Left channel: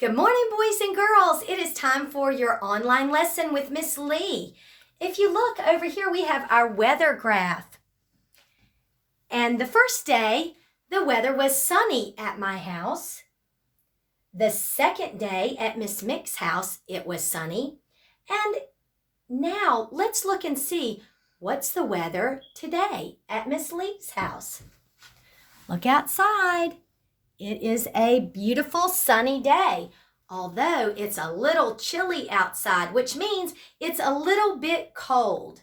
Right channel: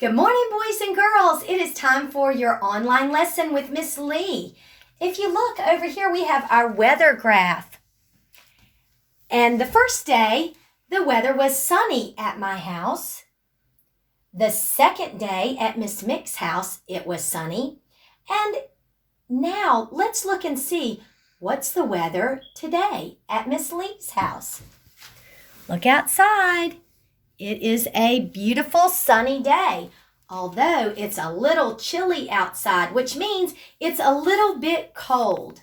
Good morning, boys and girls. It is time for your online lesson with Miss Lee. If you look over here, we have our weather graph. And the first day, the weather was sunny at my house. The second day at Miss Mick's house, it was sunny. And now let's look and see what's the weather today at Miss Lee's house. Look outside. It is a beautiful sunny day, although it's a little chilly outside, which means it's a little bit cold.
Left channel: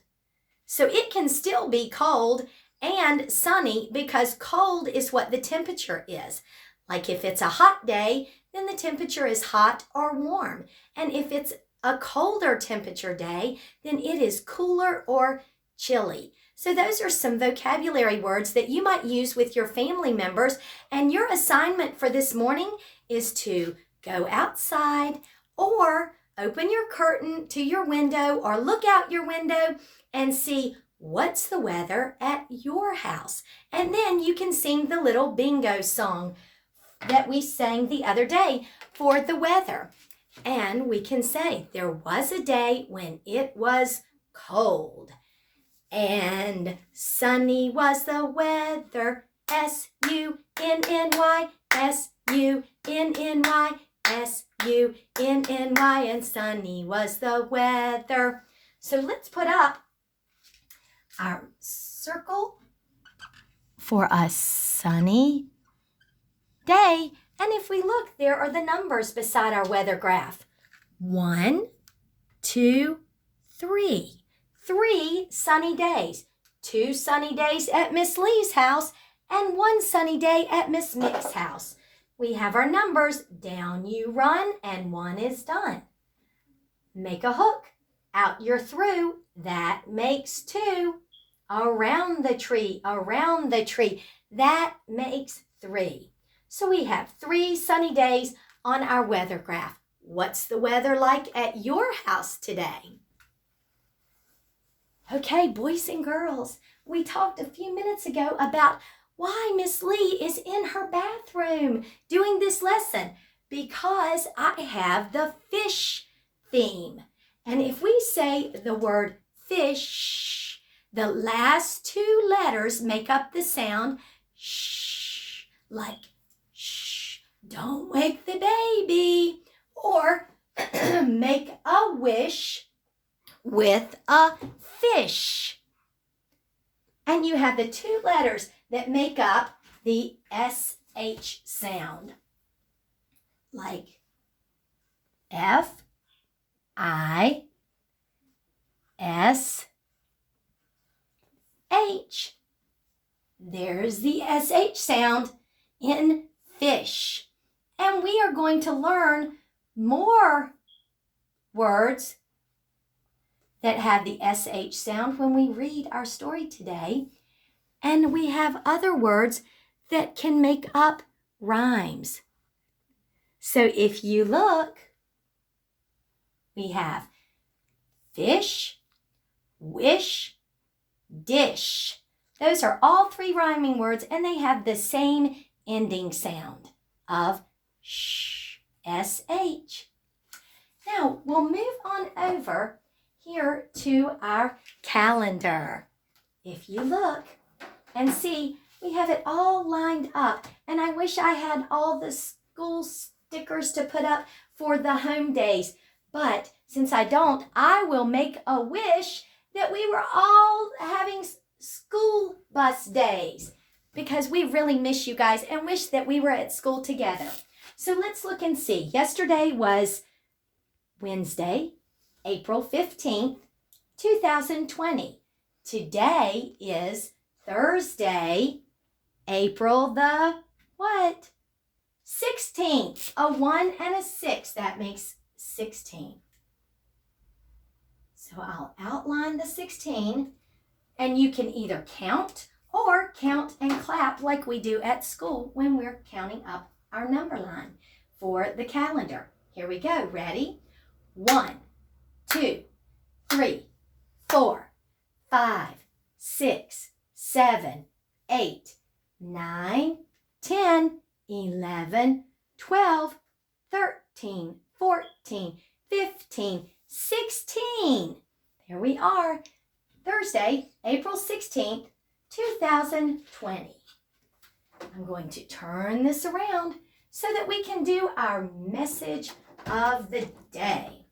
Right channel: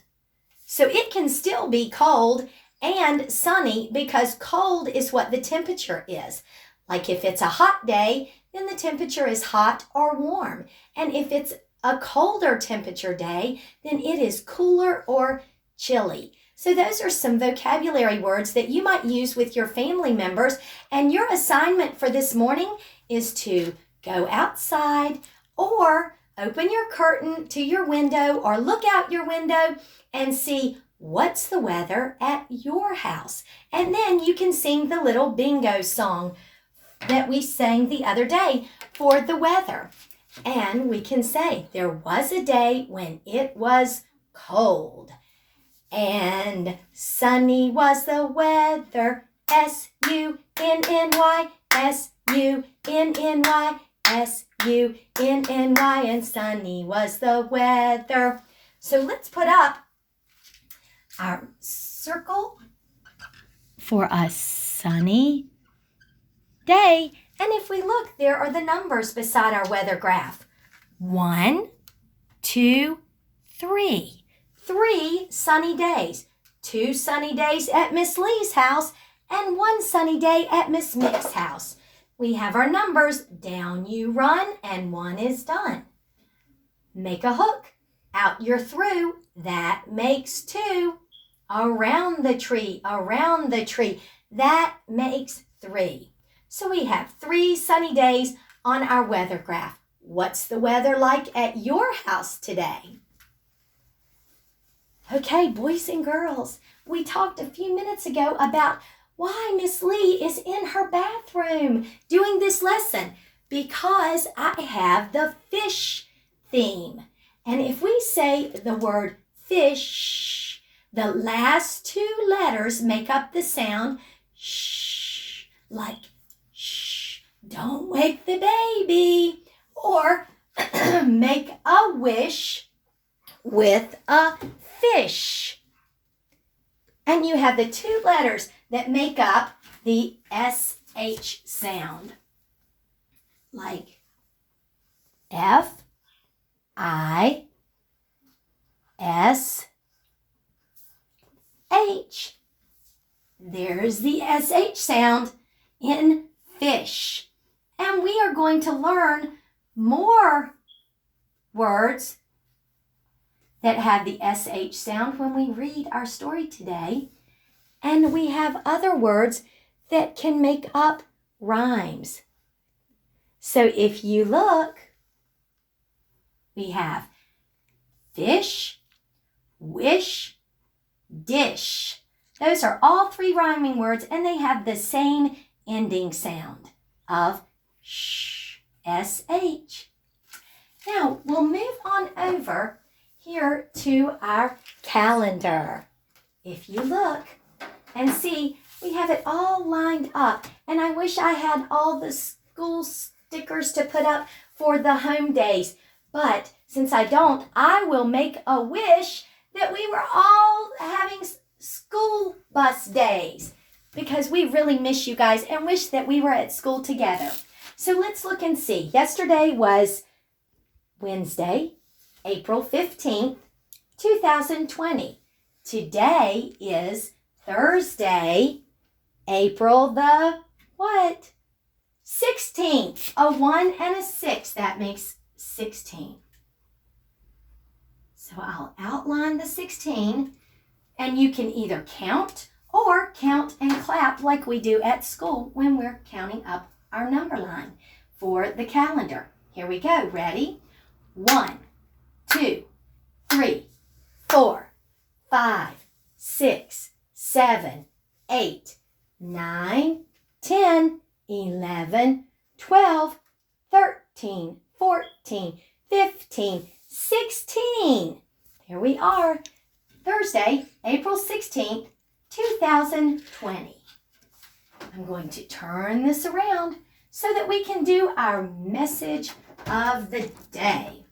So it can still be cold and sunny because cold is what the temperature is. Like if it's a hot day, then the temperature is hot or warm. And if it's a colder temperature day, then it is cooler or chilly. So those are some vocabulary words that you might use with your family members. And your assignment for this morning is to go outside or open your curtain to your window or look out your window and see what's the weather at your house. And then you can sing the little bingo song that we sang the other day for the weather. And we can say, there was a day when it was cold. And sunny was the weather, S-U-N-N-Y, S-U-N-N-Y, S-U-N-N-Y, and sunny was the weather. So let's put up our circle for a sunny day. And if we look, there are the numbers beside our weather graph. 1, 2, 3. 3 sunny days. 2 sunny days at Miss Lee's house and 1 sunny day at Miss Mick's house. We have our numbers. Down you run and 1 is done. Make a hook. Out you're through. That makes 2. Around the tree. That makes 3. So we have 3 sunny days on our weather graph. What's the weather like at your house today? Okay, boys and girls, we talked a few minutes ago about why Miss Lee is in her bathroom doing this lesson, because I have the fish theme. And if we say the word fish, the last 2 letters make up the sound shh, like shh, don't wake the baby, or make a wish with a fish. And you have the 2 letters that make up the SH sound, like F-I-S-H. There's the SH sound in fish. And we are going to learn more words that have the SH sound when we read our story today. And we have other words that can make up rhymes. So if you look, we have fish, wish, dish. Those are all 3 rhyming words, and they have the same ending sound of sh, SH. Now, we'll move on over here to our calendar. If you look and see, we have it all lined up. And I wish I had all the school stickers to put up for the home days. But since I don't, I will make a wish that we were all having school bus days, because we really miss you guys and wish that we were at school together. So let's look and see. Yesterday was Wednesday, April 15th, 2020. Today is Thursday, April the what? 16th. A 1 and a 6. That makes 16. So I'll outline the 16, and you can either count or count and clap like we do at school when we're counting up our number line for the calendar. Here we go. Ready? 1, 2, 3, 4, 5, 6, 7, 8, 9, 10, 11, 12, 13, 13, 14, 15, 16. Here we are, Thursday, April 16th, 2020. I'm going to turn this around so that we can do our message of the day.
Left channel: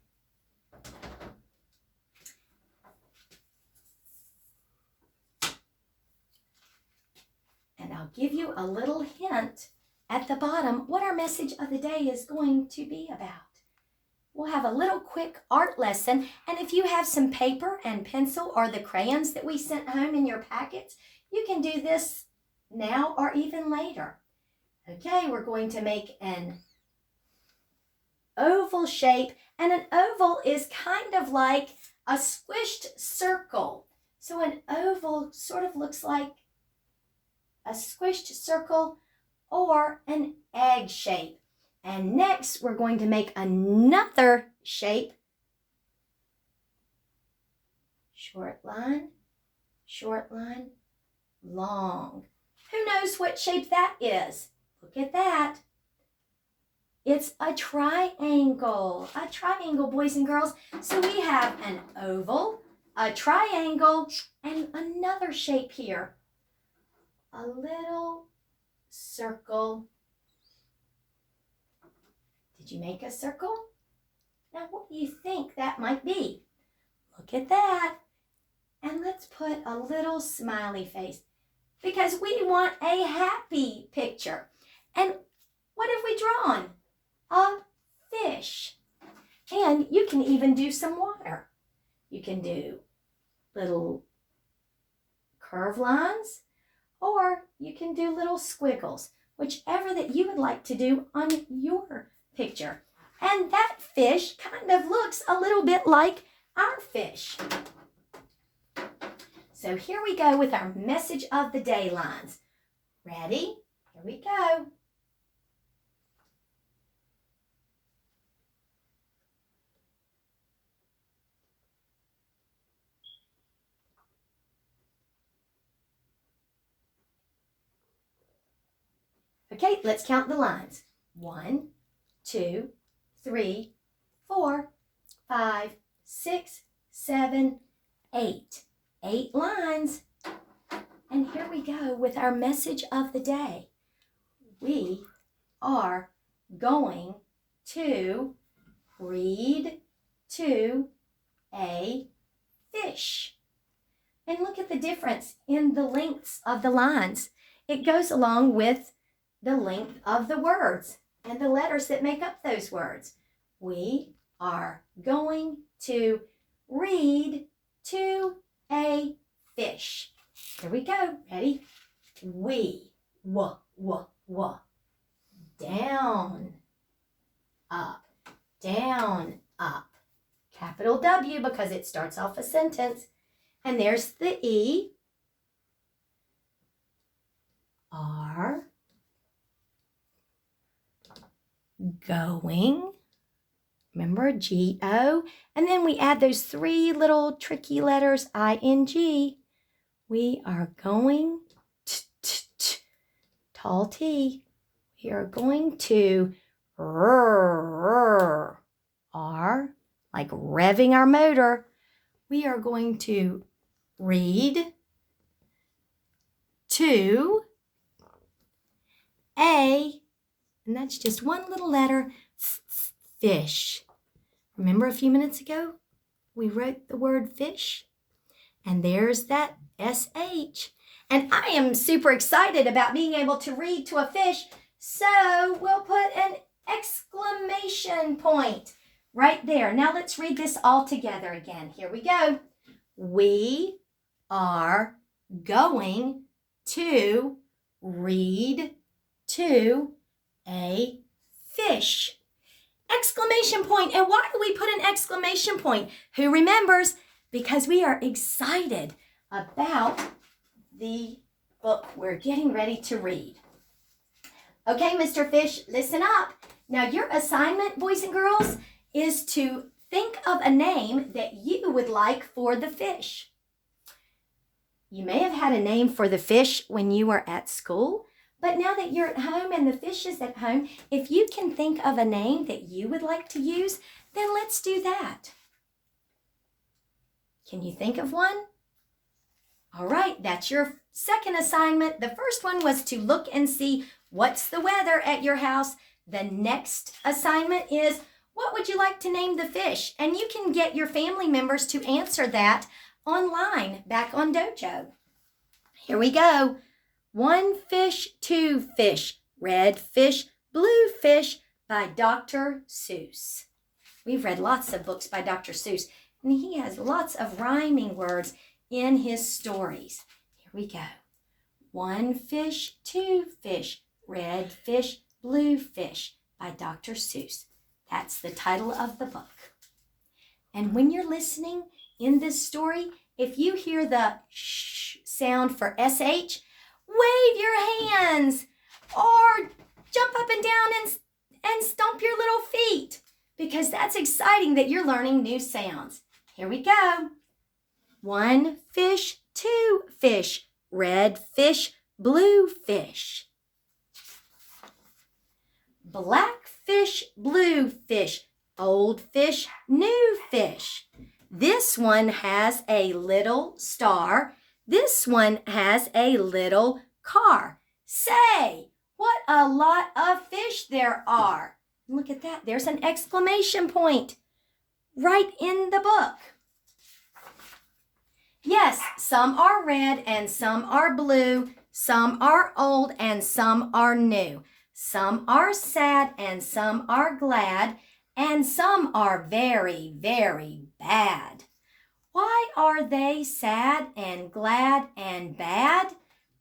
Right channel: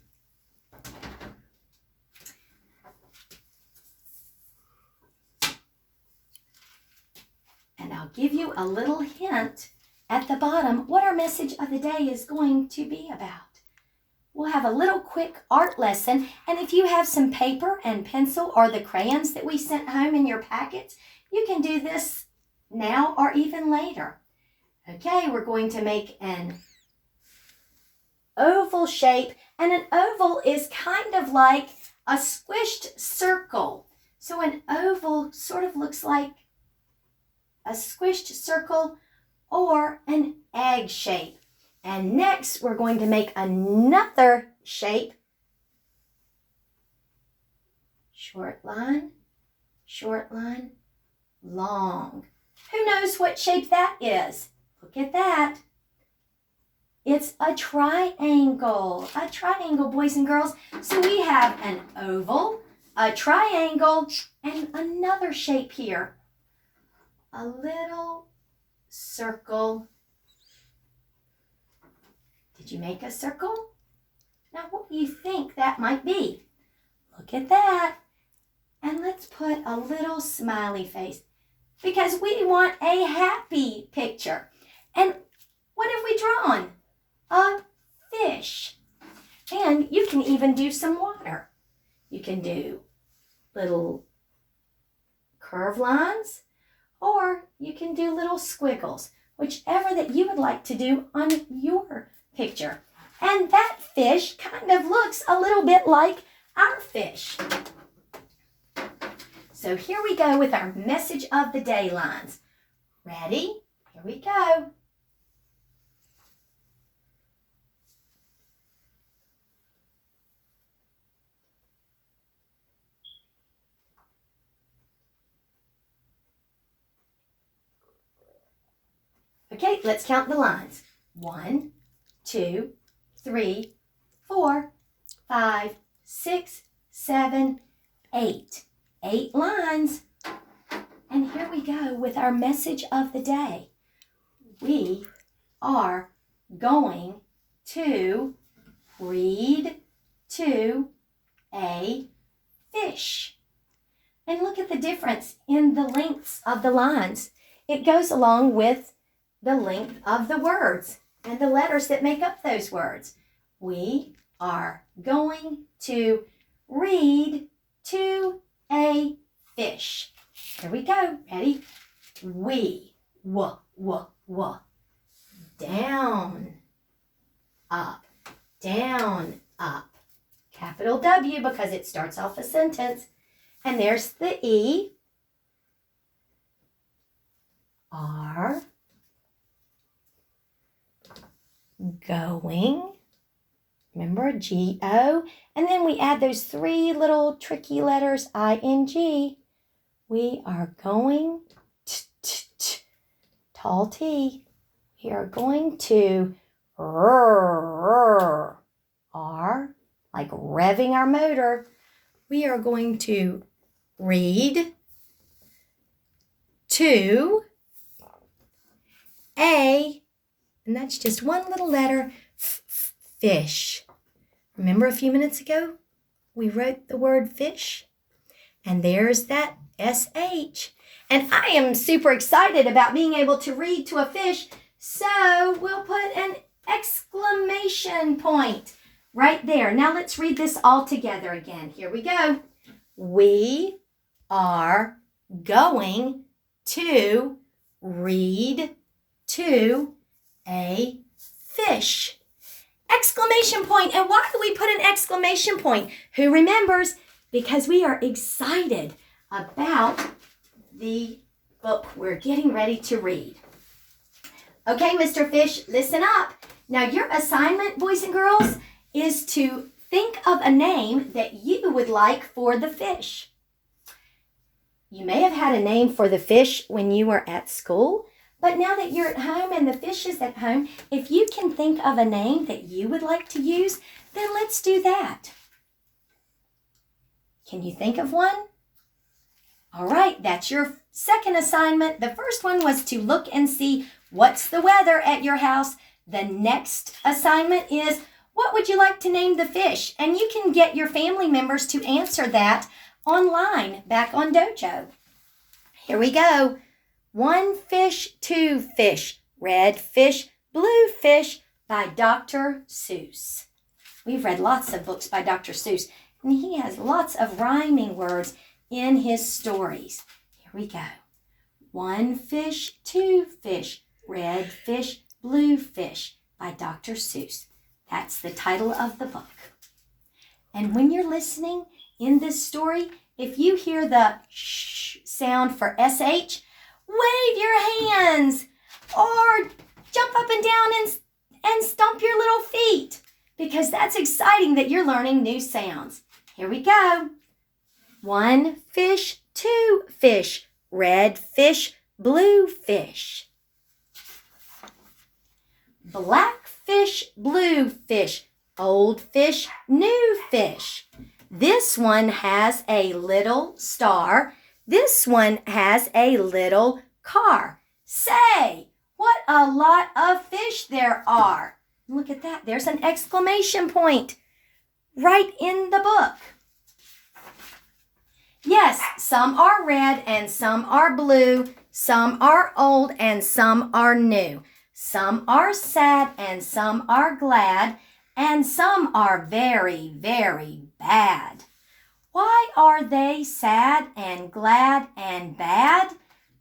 And I'll give you a little hint at the bottom what our message of the day is going to be about. We'll have a little quick art lesson, and if you have some paper and pencil or the crayons that we sent home in your packets, you can do this now or even later. Okay, we're going to make an oval shape, and an oval is kind of like a squished circle. So an oval sort of looks like a squished circle or an egg shape. And next, we're going to make another shape. Short line, long. Who knows what shape that is? Look at that. It's a triangle. A triangle, boys and girls. So we have an oval, a triangle, and another shape here. A little circle. Did you make a circle? Now, what do you think that might be? Look at that. And let's put a little smiley face because we want a happy picture. And what have we drawn? A fish. And you can even do some water. You can do little curve lines, or you can do little squiggles, whichever that you would like to do on your picture. And that fish kind of looks a little bit like our fish. So here we go with our message of the day lines. Ready? Here we go. Okay, let's count the lines. 1, 2, 3, 4, 5, 6, 7, 8. 8 lines. And here we go with our message of the day. We are going to read to a fish. And look at the difference in the lengths of the lines. It goes along with the length of the words and the letters that make up those words. We are going to read to a fish. Here we go. Ready? We. W. Down. Up. Down. Up. Capital W because it starts off a sentence. And there's the E. Are going. Remember, G-O. And then we add those 3 little tricky letters, I-N-G. We are going, tall T. We are going to, R, like revving our motor. We are going to read to a, and that's just one little letter, fish. Remember a few minutes ago, we wrote the word fish, and there's that S-H. And I am super excited about being able to read to a fish, so we'll put an exclamation point right there. Now let's read this all together again. Here we go. We are going to read to a fish. Exclamation point. And why do we put an exclamation point? Who remembers? Because we are excited about the book we're getting ready to read. Okay, Mr. Fish, listen up. Now your assignment, boys and girls, is to think of a name that you would like for the fish. You may have had a name for the fish when you were at school, But now that you're at home and the fish is at home, if you can think of a name that you would like to use, then let's do that. Can you think of one? All right, that's your second assignment. The first one was to look and see what's the weather at your house. The next assignment is, what would you like to name the fish? And you can get your family members to answer that online back on Dojo. Here we go. 1 fish, 2 fish, red fish, blue fish by Dr. Seuss. We've read lots of books by Dr. Seuss, and he has lots of rhyming words in his stories. Here we go. 1 fish, 2 fish, red fish, blue fish by Dr. Seuss. That's the title of the book. And when you're listening in this story, if you hear the sh sound for SH, wave your hands or jump up and down and stomp your little feet, because that's exciting that you're learning new sounds. Here we go. 1 fish, 2 fish, red fish, blue fish. Black fish, blue fish, old fish, new fish. This one has a little star. This one has a little car. Say, what a lot of fish there are. Look at that. There's an exclamation point right in the book. Yes, some are red and some are blue. Some are old and some are new. Some are sad and some are glad. And some are very, very bad. Why are they sad and glad and bad?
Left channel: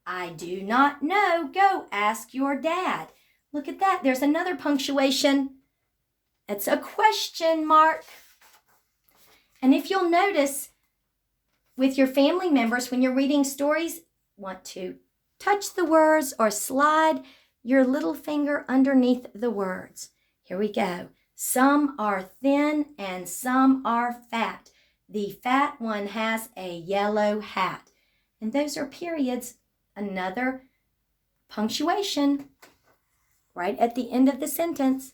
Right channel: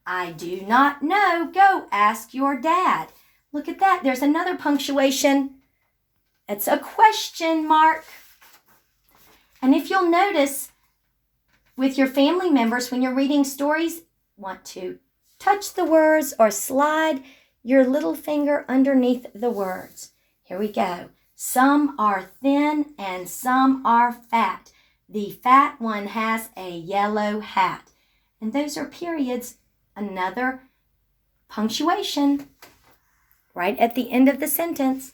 I do not know. Go ask your dad. Look at that. There's another punctuation. It's a question mark. And if you'll notice, with your family members, when you're reading stories, want to touch the words or slide your little finger underneath the words. Here we go. Some are thin and some are fat. The fat one has a yellow hat. And those are periods. Another punctuation right at the end of the sentence.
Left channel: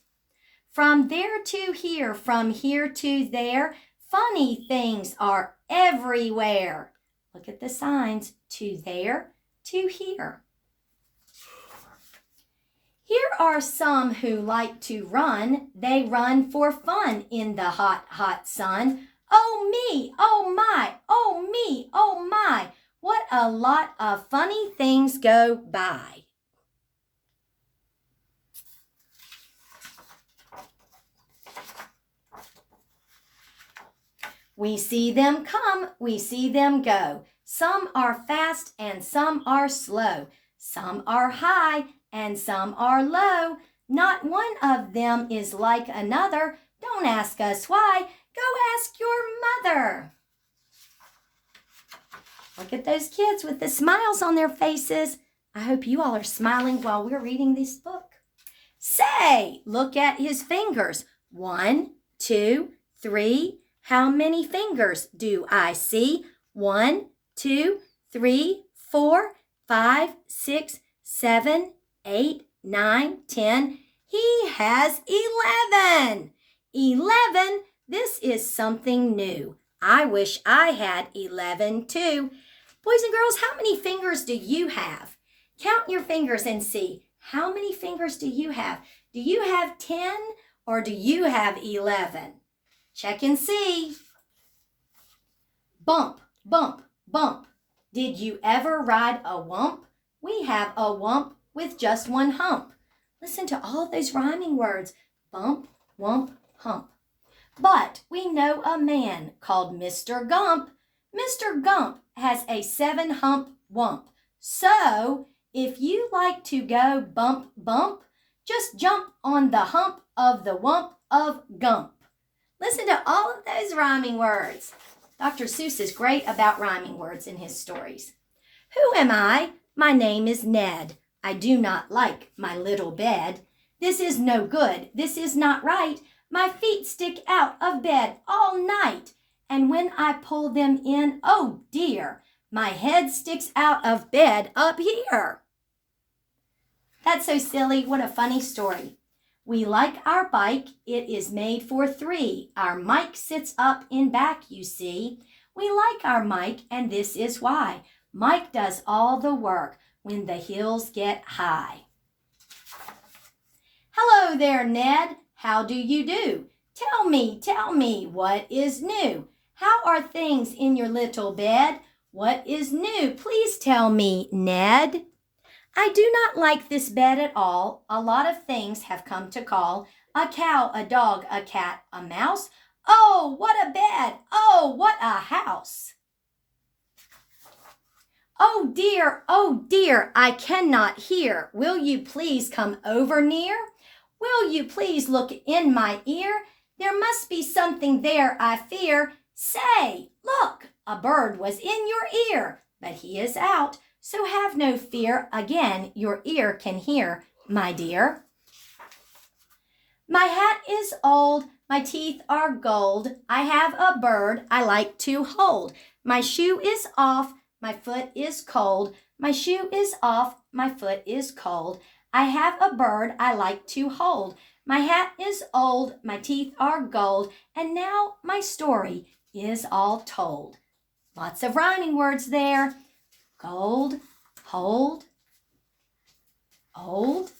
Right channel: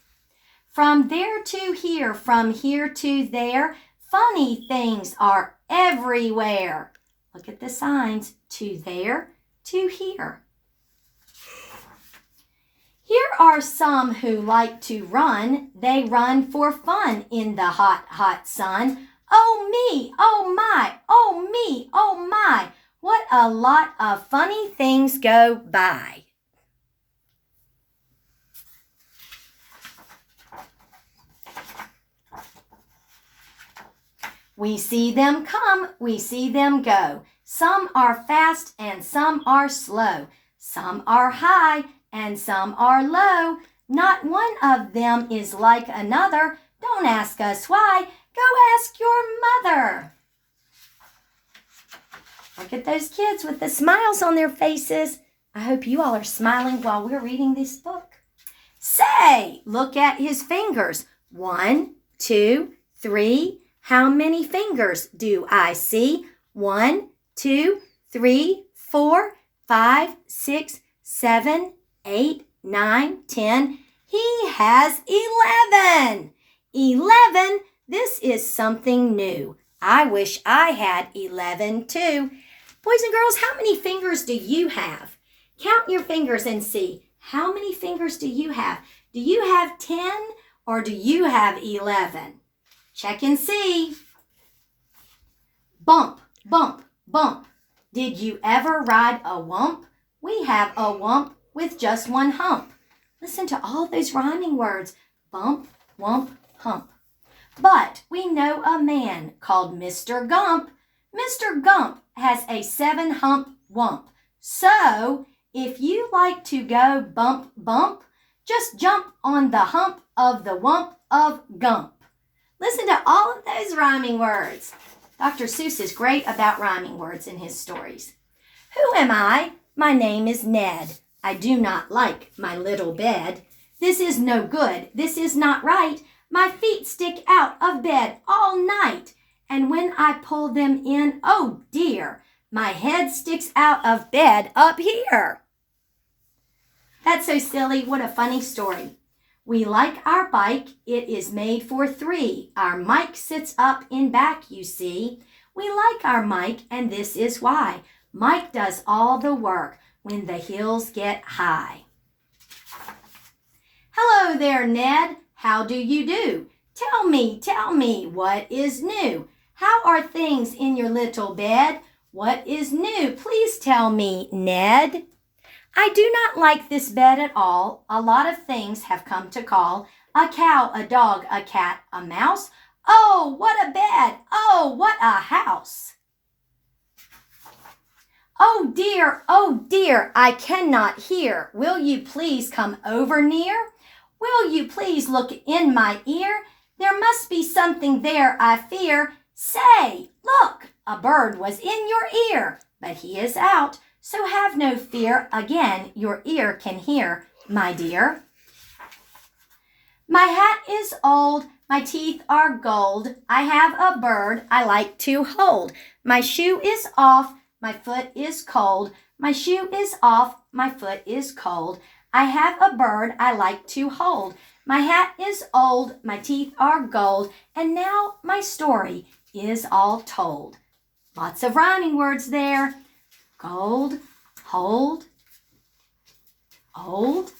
From there to here, from here to there, funny things are everywhere. Look at the signs. To there, to here. Here are some who like to run. They run for fun in the hot, hot sun. Oh me, oh my, oh me, oh my. What a lot of funny things go by. We see them come, we see them go. Some are fast and some are slow. Some are high and some are low. Not one of them is like another. Don't ask us why. Go ask your mother. Look at those kids with the smiles on their faces. I hope you all are smiling while we're reading this book. Say, look at his fingers. 1, 2, 3. How many fingers do I see? 1, 2, 3, 4, 5, 6, 7, 8, 9, 10. He has 11. 11. This is something new. I wish I had 11 too. Boys and girls, how many fingers do you have? Count your fingers and see. How many fingers do you have? Do you have 10 or do you have 11? Check and see. Bump, bump, bump. Did you ever ride a wump? We have a wump with just one hump. Listen to all those rhyming words. Bump, wump, hump. But we know a man called Mr. Gump. Mr. Gump has a 7-hump wump. So, if you like to go bump, bump, just jump on the hump of the wump of Gump. Listen to all of those rhyming words. Dr. Seuss is great about rhyming words in his stories. Who am I? My name is Ned. I do not like my little bed. This is no good. This is not right. My feet stick out of bed all night. And when I pull them in, oh dear, my head sticks out of bed up here. That's so silly. What a funny story. We like our bike. It is made for three. Our Mike sits up in back, you see. We like our Mike, and this is why. Mike does all the work when the hills get high. Hello there, Ned. How do you do? Tell me, what is new? How are things in your little bed? What is new? Please tell me, Ned. I do not like this bed at all. A lot of things have come to call. A cow, a dog, a cat, a mouse. Oh, what a bed! Oh, what a house! Oh dear, I cannot hear. Will you please come over near? Will you please look in my ear? There must be something there, I fear. Say, look, a bird was in your ear, but he is out. So have no fear, again your ear can hear, my dear. My hat is old, my teeth are gold. I have a bird I like to hold. My shoe is off, my foot is cold. My shoe is off, my foot is cold. I have a bird I like to hold. My hat is old, my teeth are gold. And now my story is all told. Lots of rhyming words there. Gold, hold, old.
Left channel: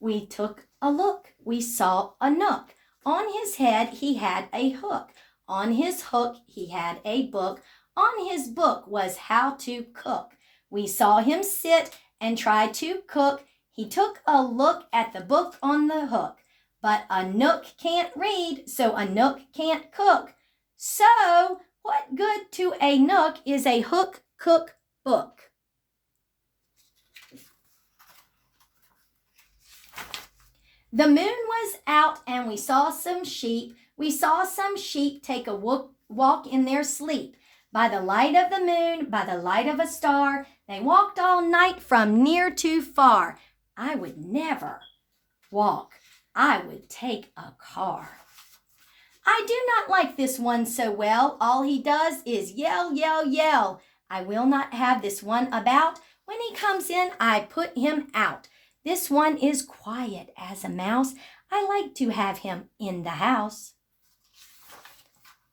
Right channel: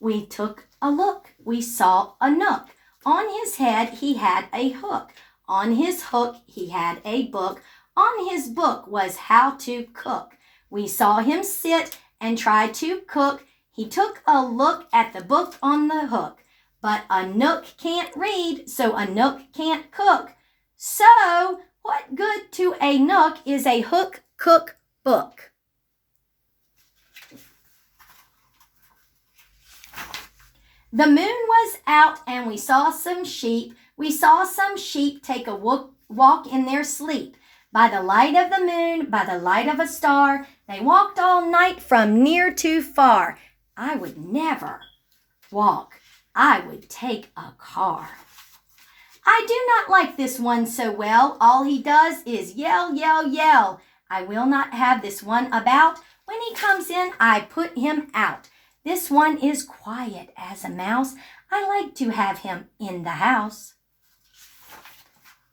We took a look. We saw a nook. On his head he had a hook. On his hook he had a book. On his book was how to cook. We saw him sit and try to cook. He took a look at the book on the hook. But a nook can't read, so a nook can't cook. So what good to a nook is a hook, cook, book? The moon was out and we saw some sheep. We saw some sheep take a walk in their sleep. By the light of the moon, by the light of a star, they walked all night from near to far. I would never walk. I would take a car. I do not like this one so well. All he does is yell, yell, yell. I will not have this one about. When he comes in, I put him out. This one is quiet as a mouse. I like to have him in the house.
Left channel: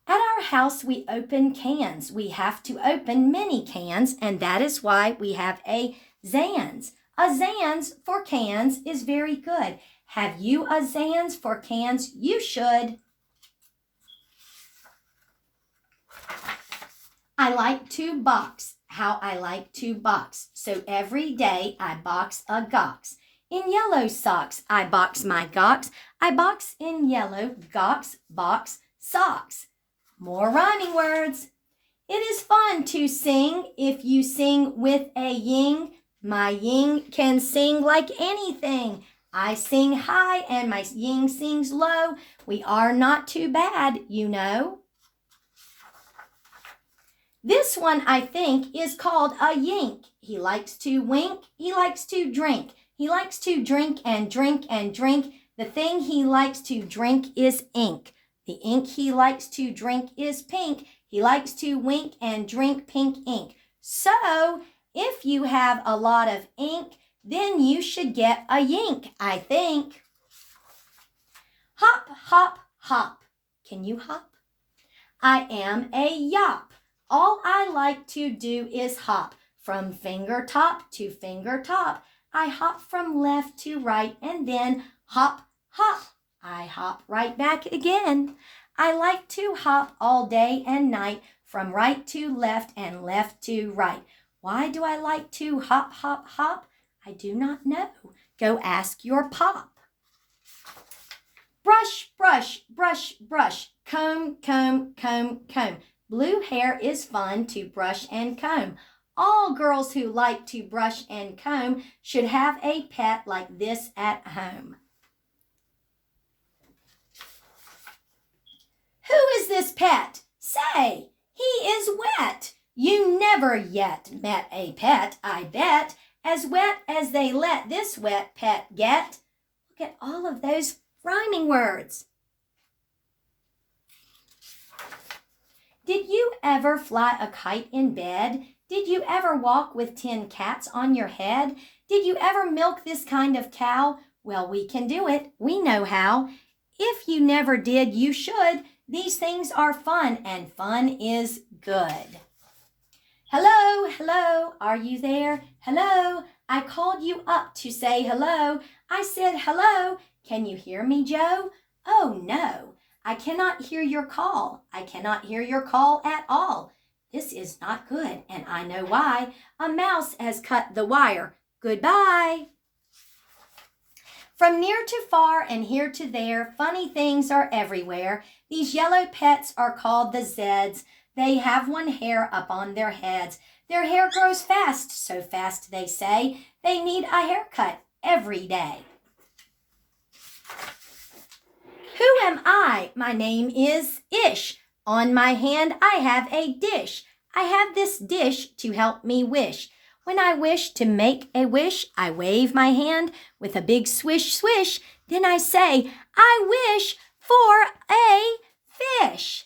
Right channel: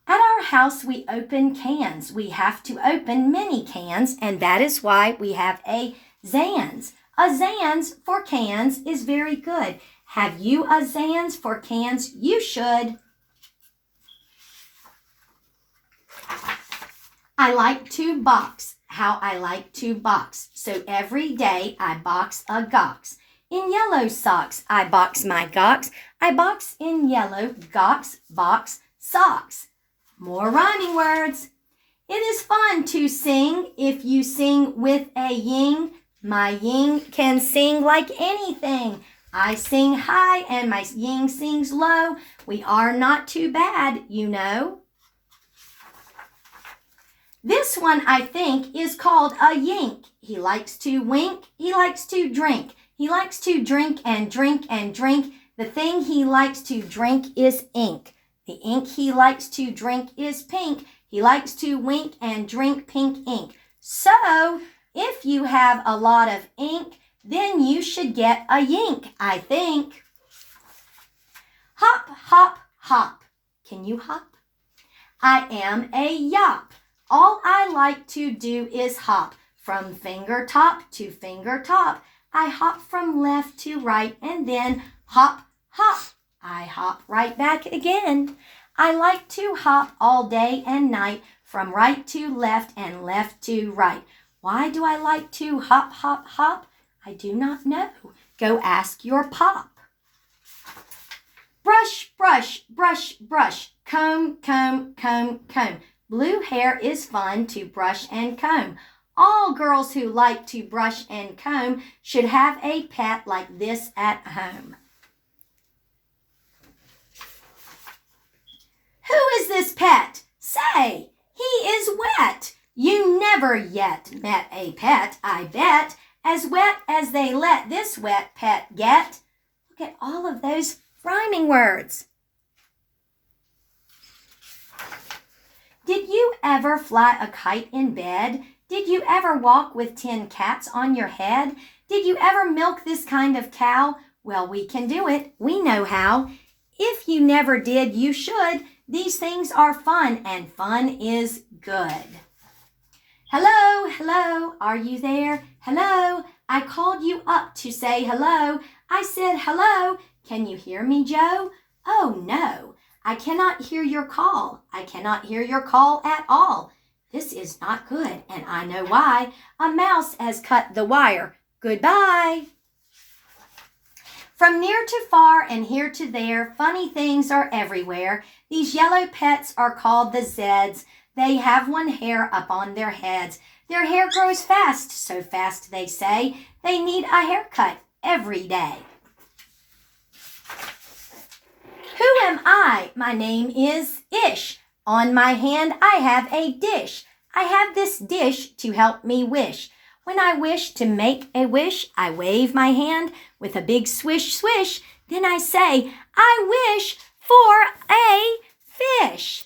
At our house, we open cans. We have to open many cans, and that is why we have a Zans. A Zans for cans is very good. Have you a Zans for cans? You should. I like to box. How I like to box. So every day I box a gox. In yellow socks, I box my gox. I box in yellow gox, box, socks. More rhyming words. It is fun to sing if you sing with a ying. My ying can sing like anything. I sing high and my ying sings low. We are not too bad, you know. This one, I think, is called a yink. He likes to wink. He likes to drink. He likes to drink and drink and drink. The thing he likes to drink is ink. The ink he likes to drink is pink. He likes to wink and drink pink ink. So, if you have a lot of ink, then you should get a yink, I think. Hop, hop, hop. Can you hop? I am a yop. All I like to do is hop from finger top to finger top. I hop from left to right and then hop, hop. I hop right back again. I like to hop all day and night from right to left and left to right. Why do I like to hop, hop, hop? I do not know. Go ask your pop. Brush, brush, brush, brush. Comb, comb, comb, comb. Blue hair is fun to brush and comb. All girls who like to brush and comb should have a pet like this at home. Who is this pet? Say, he is wet. You never yet met a pet, I bet, as wet as they let this wet pet get. Look at all of those rhyming words. Did you ever fly a kite in bed? Did you ever walk with 10 cats on your head? Did you ever milk this kind of cow? Well, we can do it. We know how. If you never did, you should. These things are fun, and fun is good. Hello, hello, are you there? Hello, I called you up to say hello. I said hello. Can you hear me, Joe? Oh, no, I cannot hear your call. I cannot hear your call at all. This is not good, and I know why. A mouse has cut the wire. Goodbye. From near to far and here to there, funny things are everywhere. These yellow pets are called the Zeds. They have one hair up on their heads. Their hair grows fast, so fast they say. They need a haircut every day. Who am I? My name is Ish. On my hand I have a dish. I have this dish to help me wish. When I wish to make a wish, I wave my hand with a big swish, swish. Then I say, I wish for a fish.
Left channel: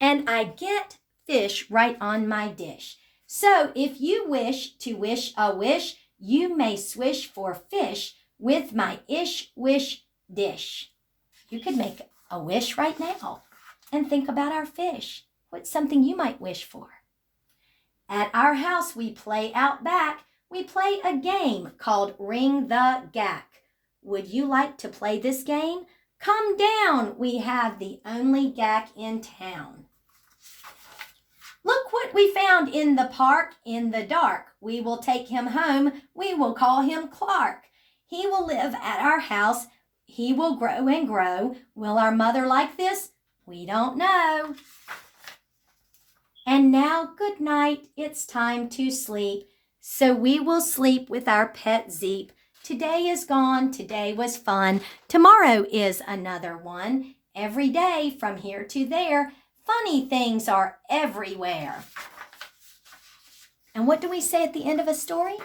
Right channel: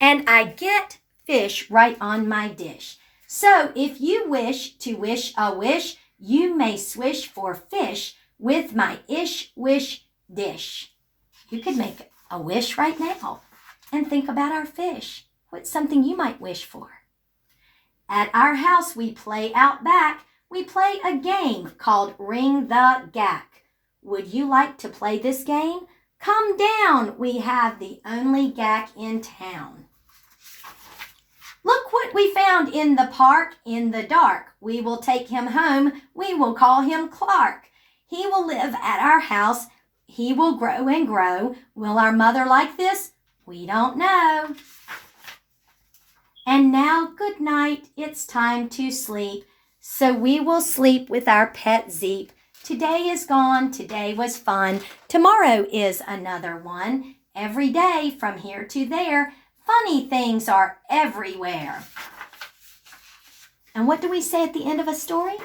And I get fish right on my dish. So if you wish to wish a wish, you may swish for fish with my ish wish dish. You could make a wish right now and think about our fish. What's something you might wish for? At our house, we play out back. We play a game called Ring the Gack. Would you like to play this game? Come down. We have the only gack in town. Look what we found in the park in the dark. We will take him home. We will call him Clark. He will live at our house. He will grow and grow. Will our mother like this? We don't know. And now, good night. It's time to sleep. So we will sleep with our pet Zeep. Today is gone. Today was fun. Tomorrow is another one. Every day from here to there, funny things are everywhere. And what do we say at the end of a story?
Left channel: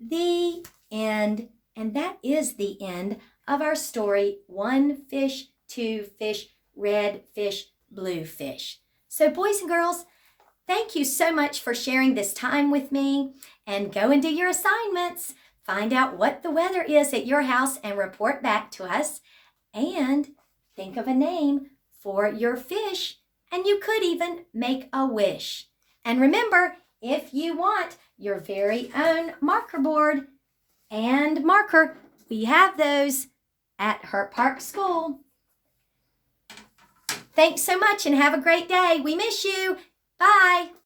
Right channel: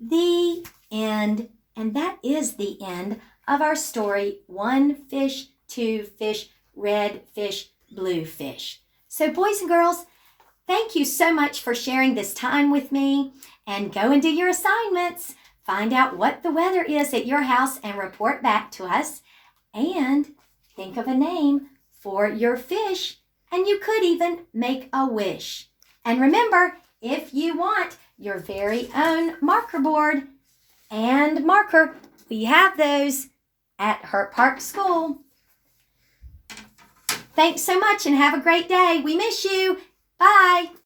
The end. And that is the end of our story. One fish, two fish, red fish, blue fish. So boys and girls, thank you so much for sharing this time with me, and go and do your assignments. Find out what the weather is at your house and report back to us. And think of a name for your fish, and you could even make a wish. And remember, if you want your very own marker board and marker, we have those at Hurt Park School. Thanks so much and have a great day. We miss you. Bye.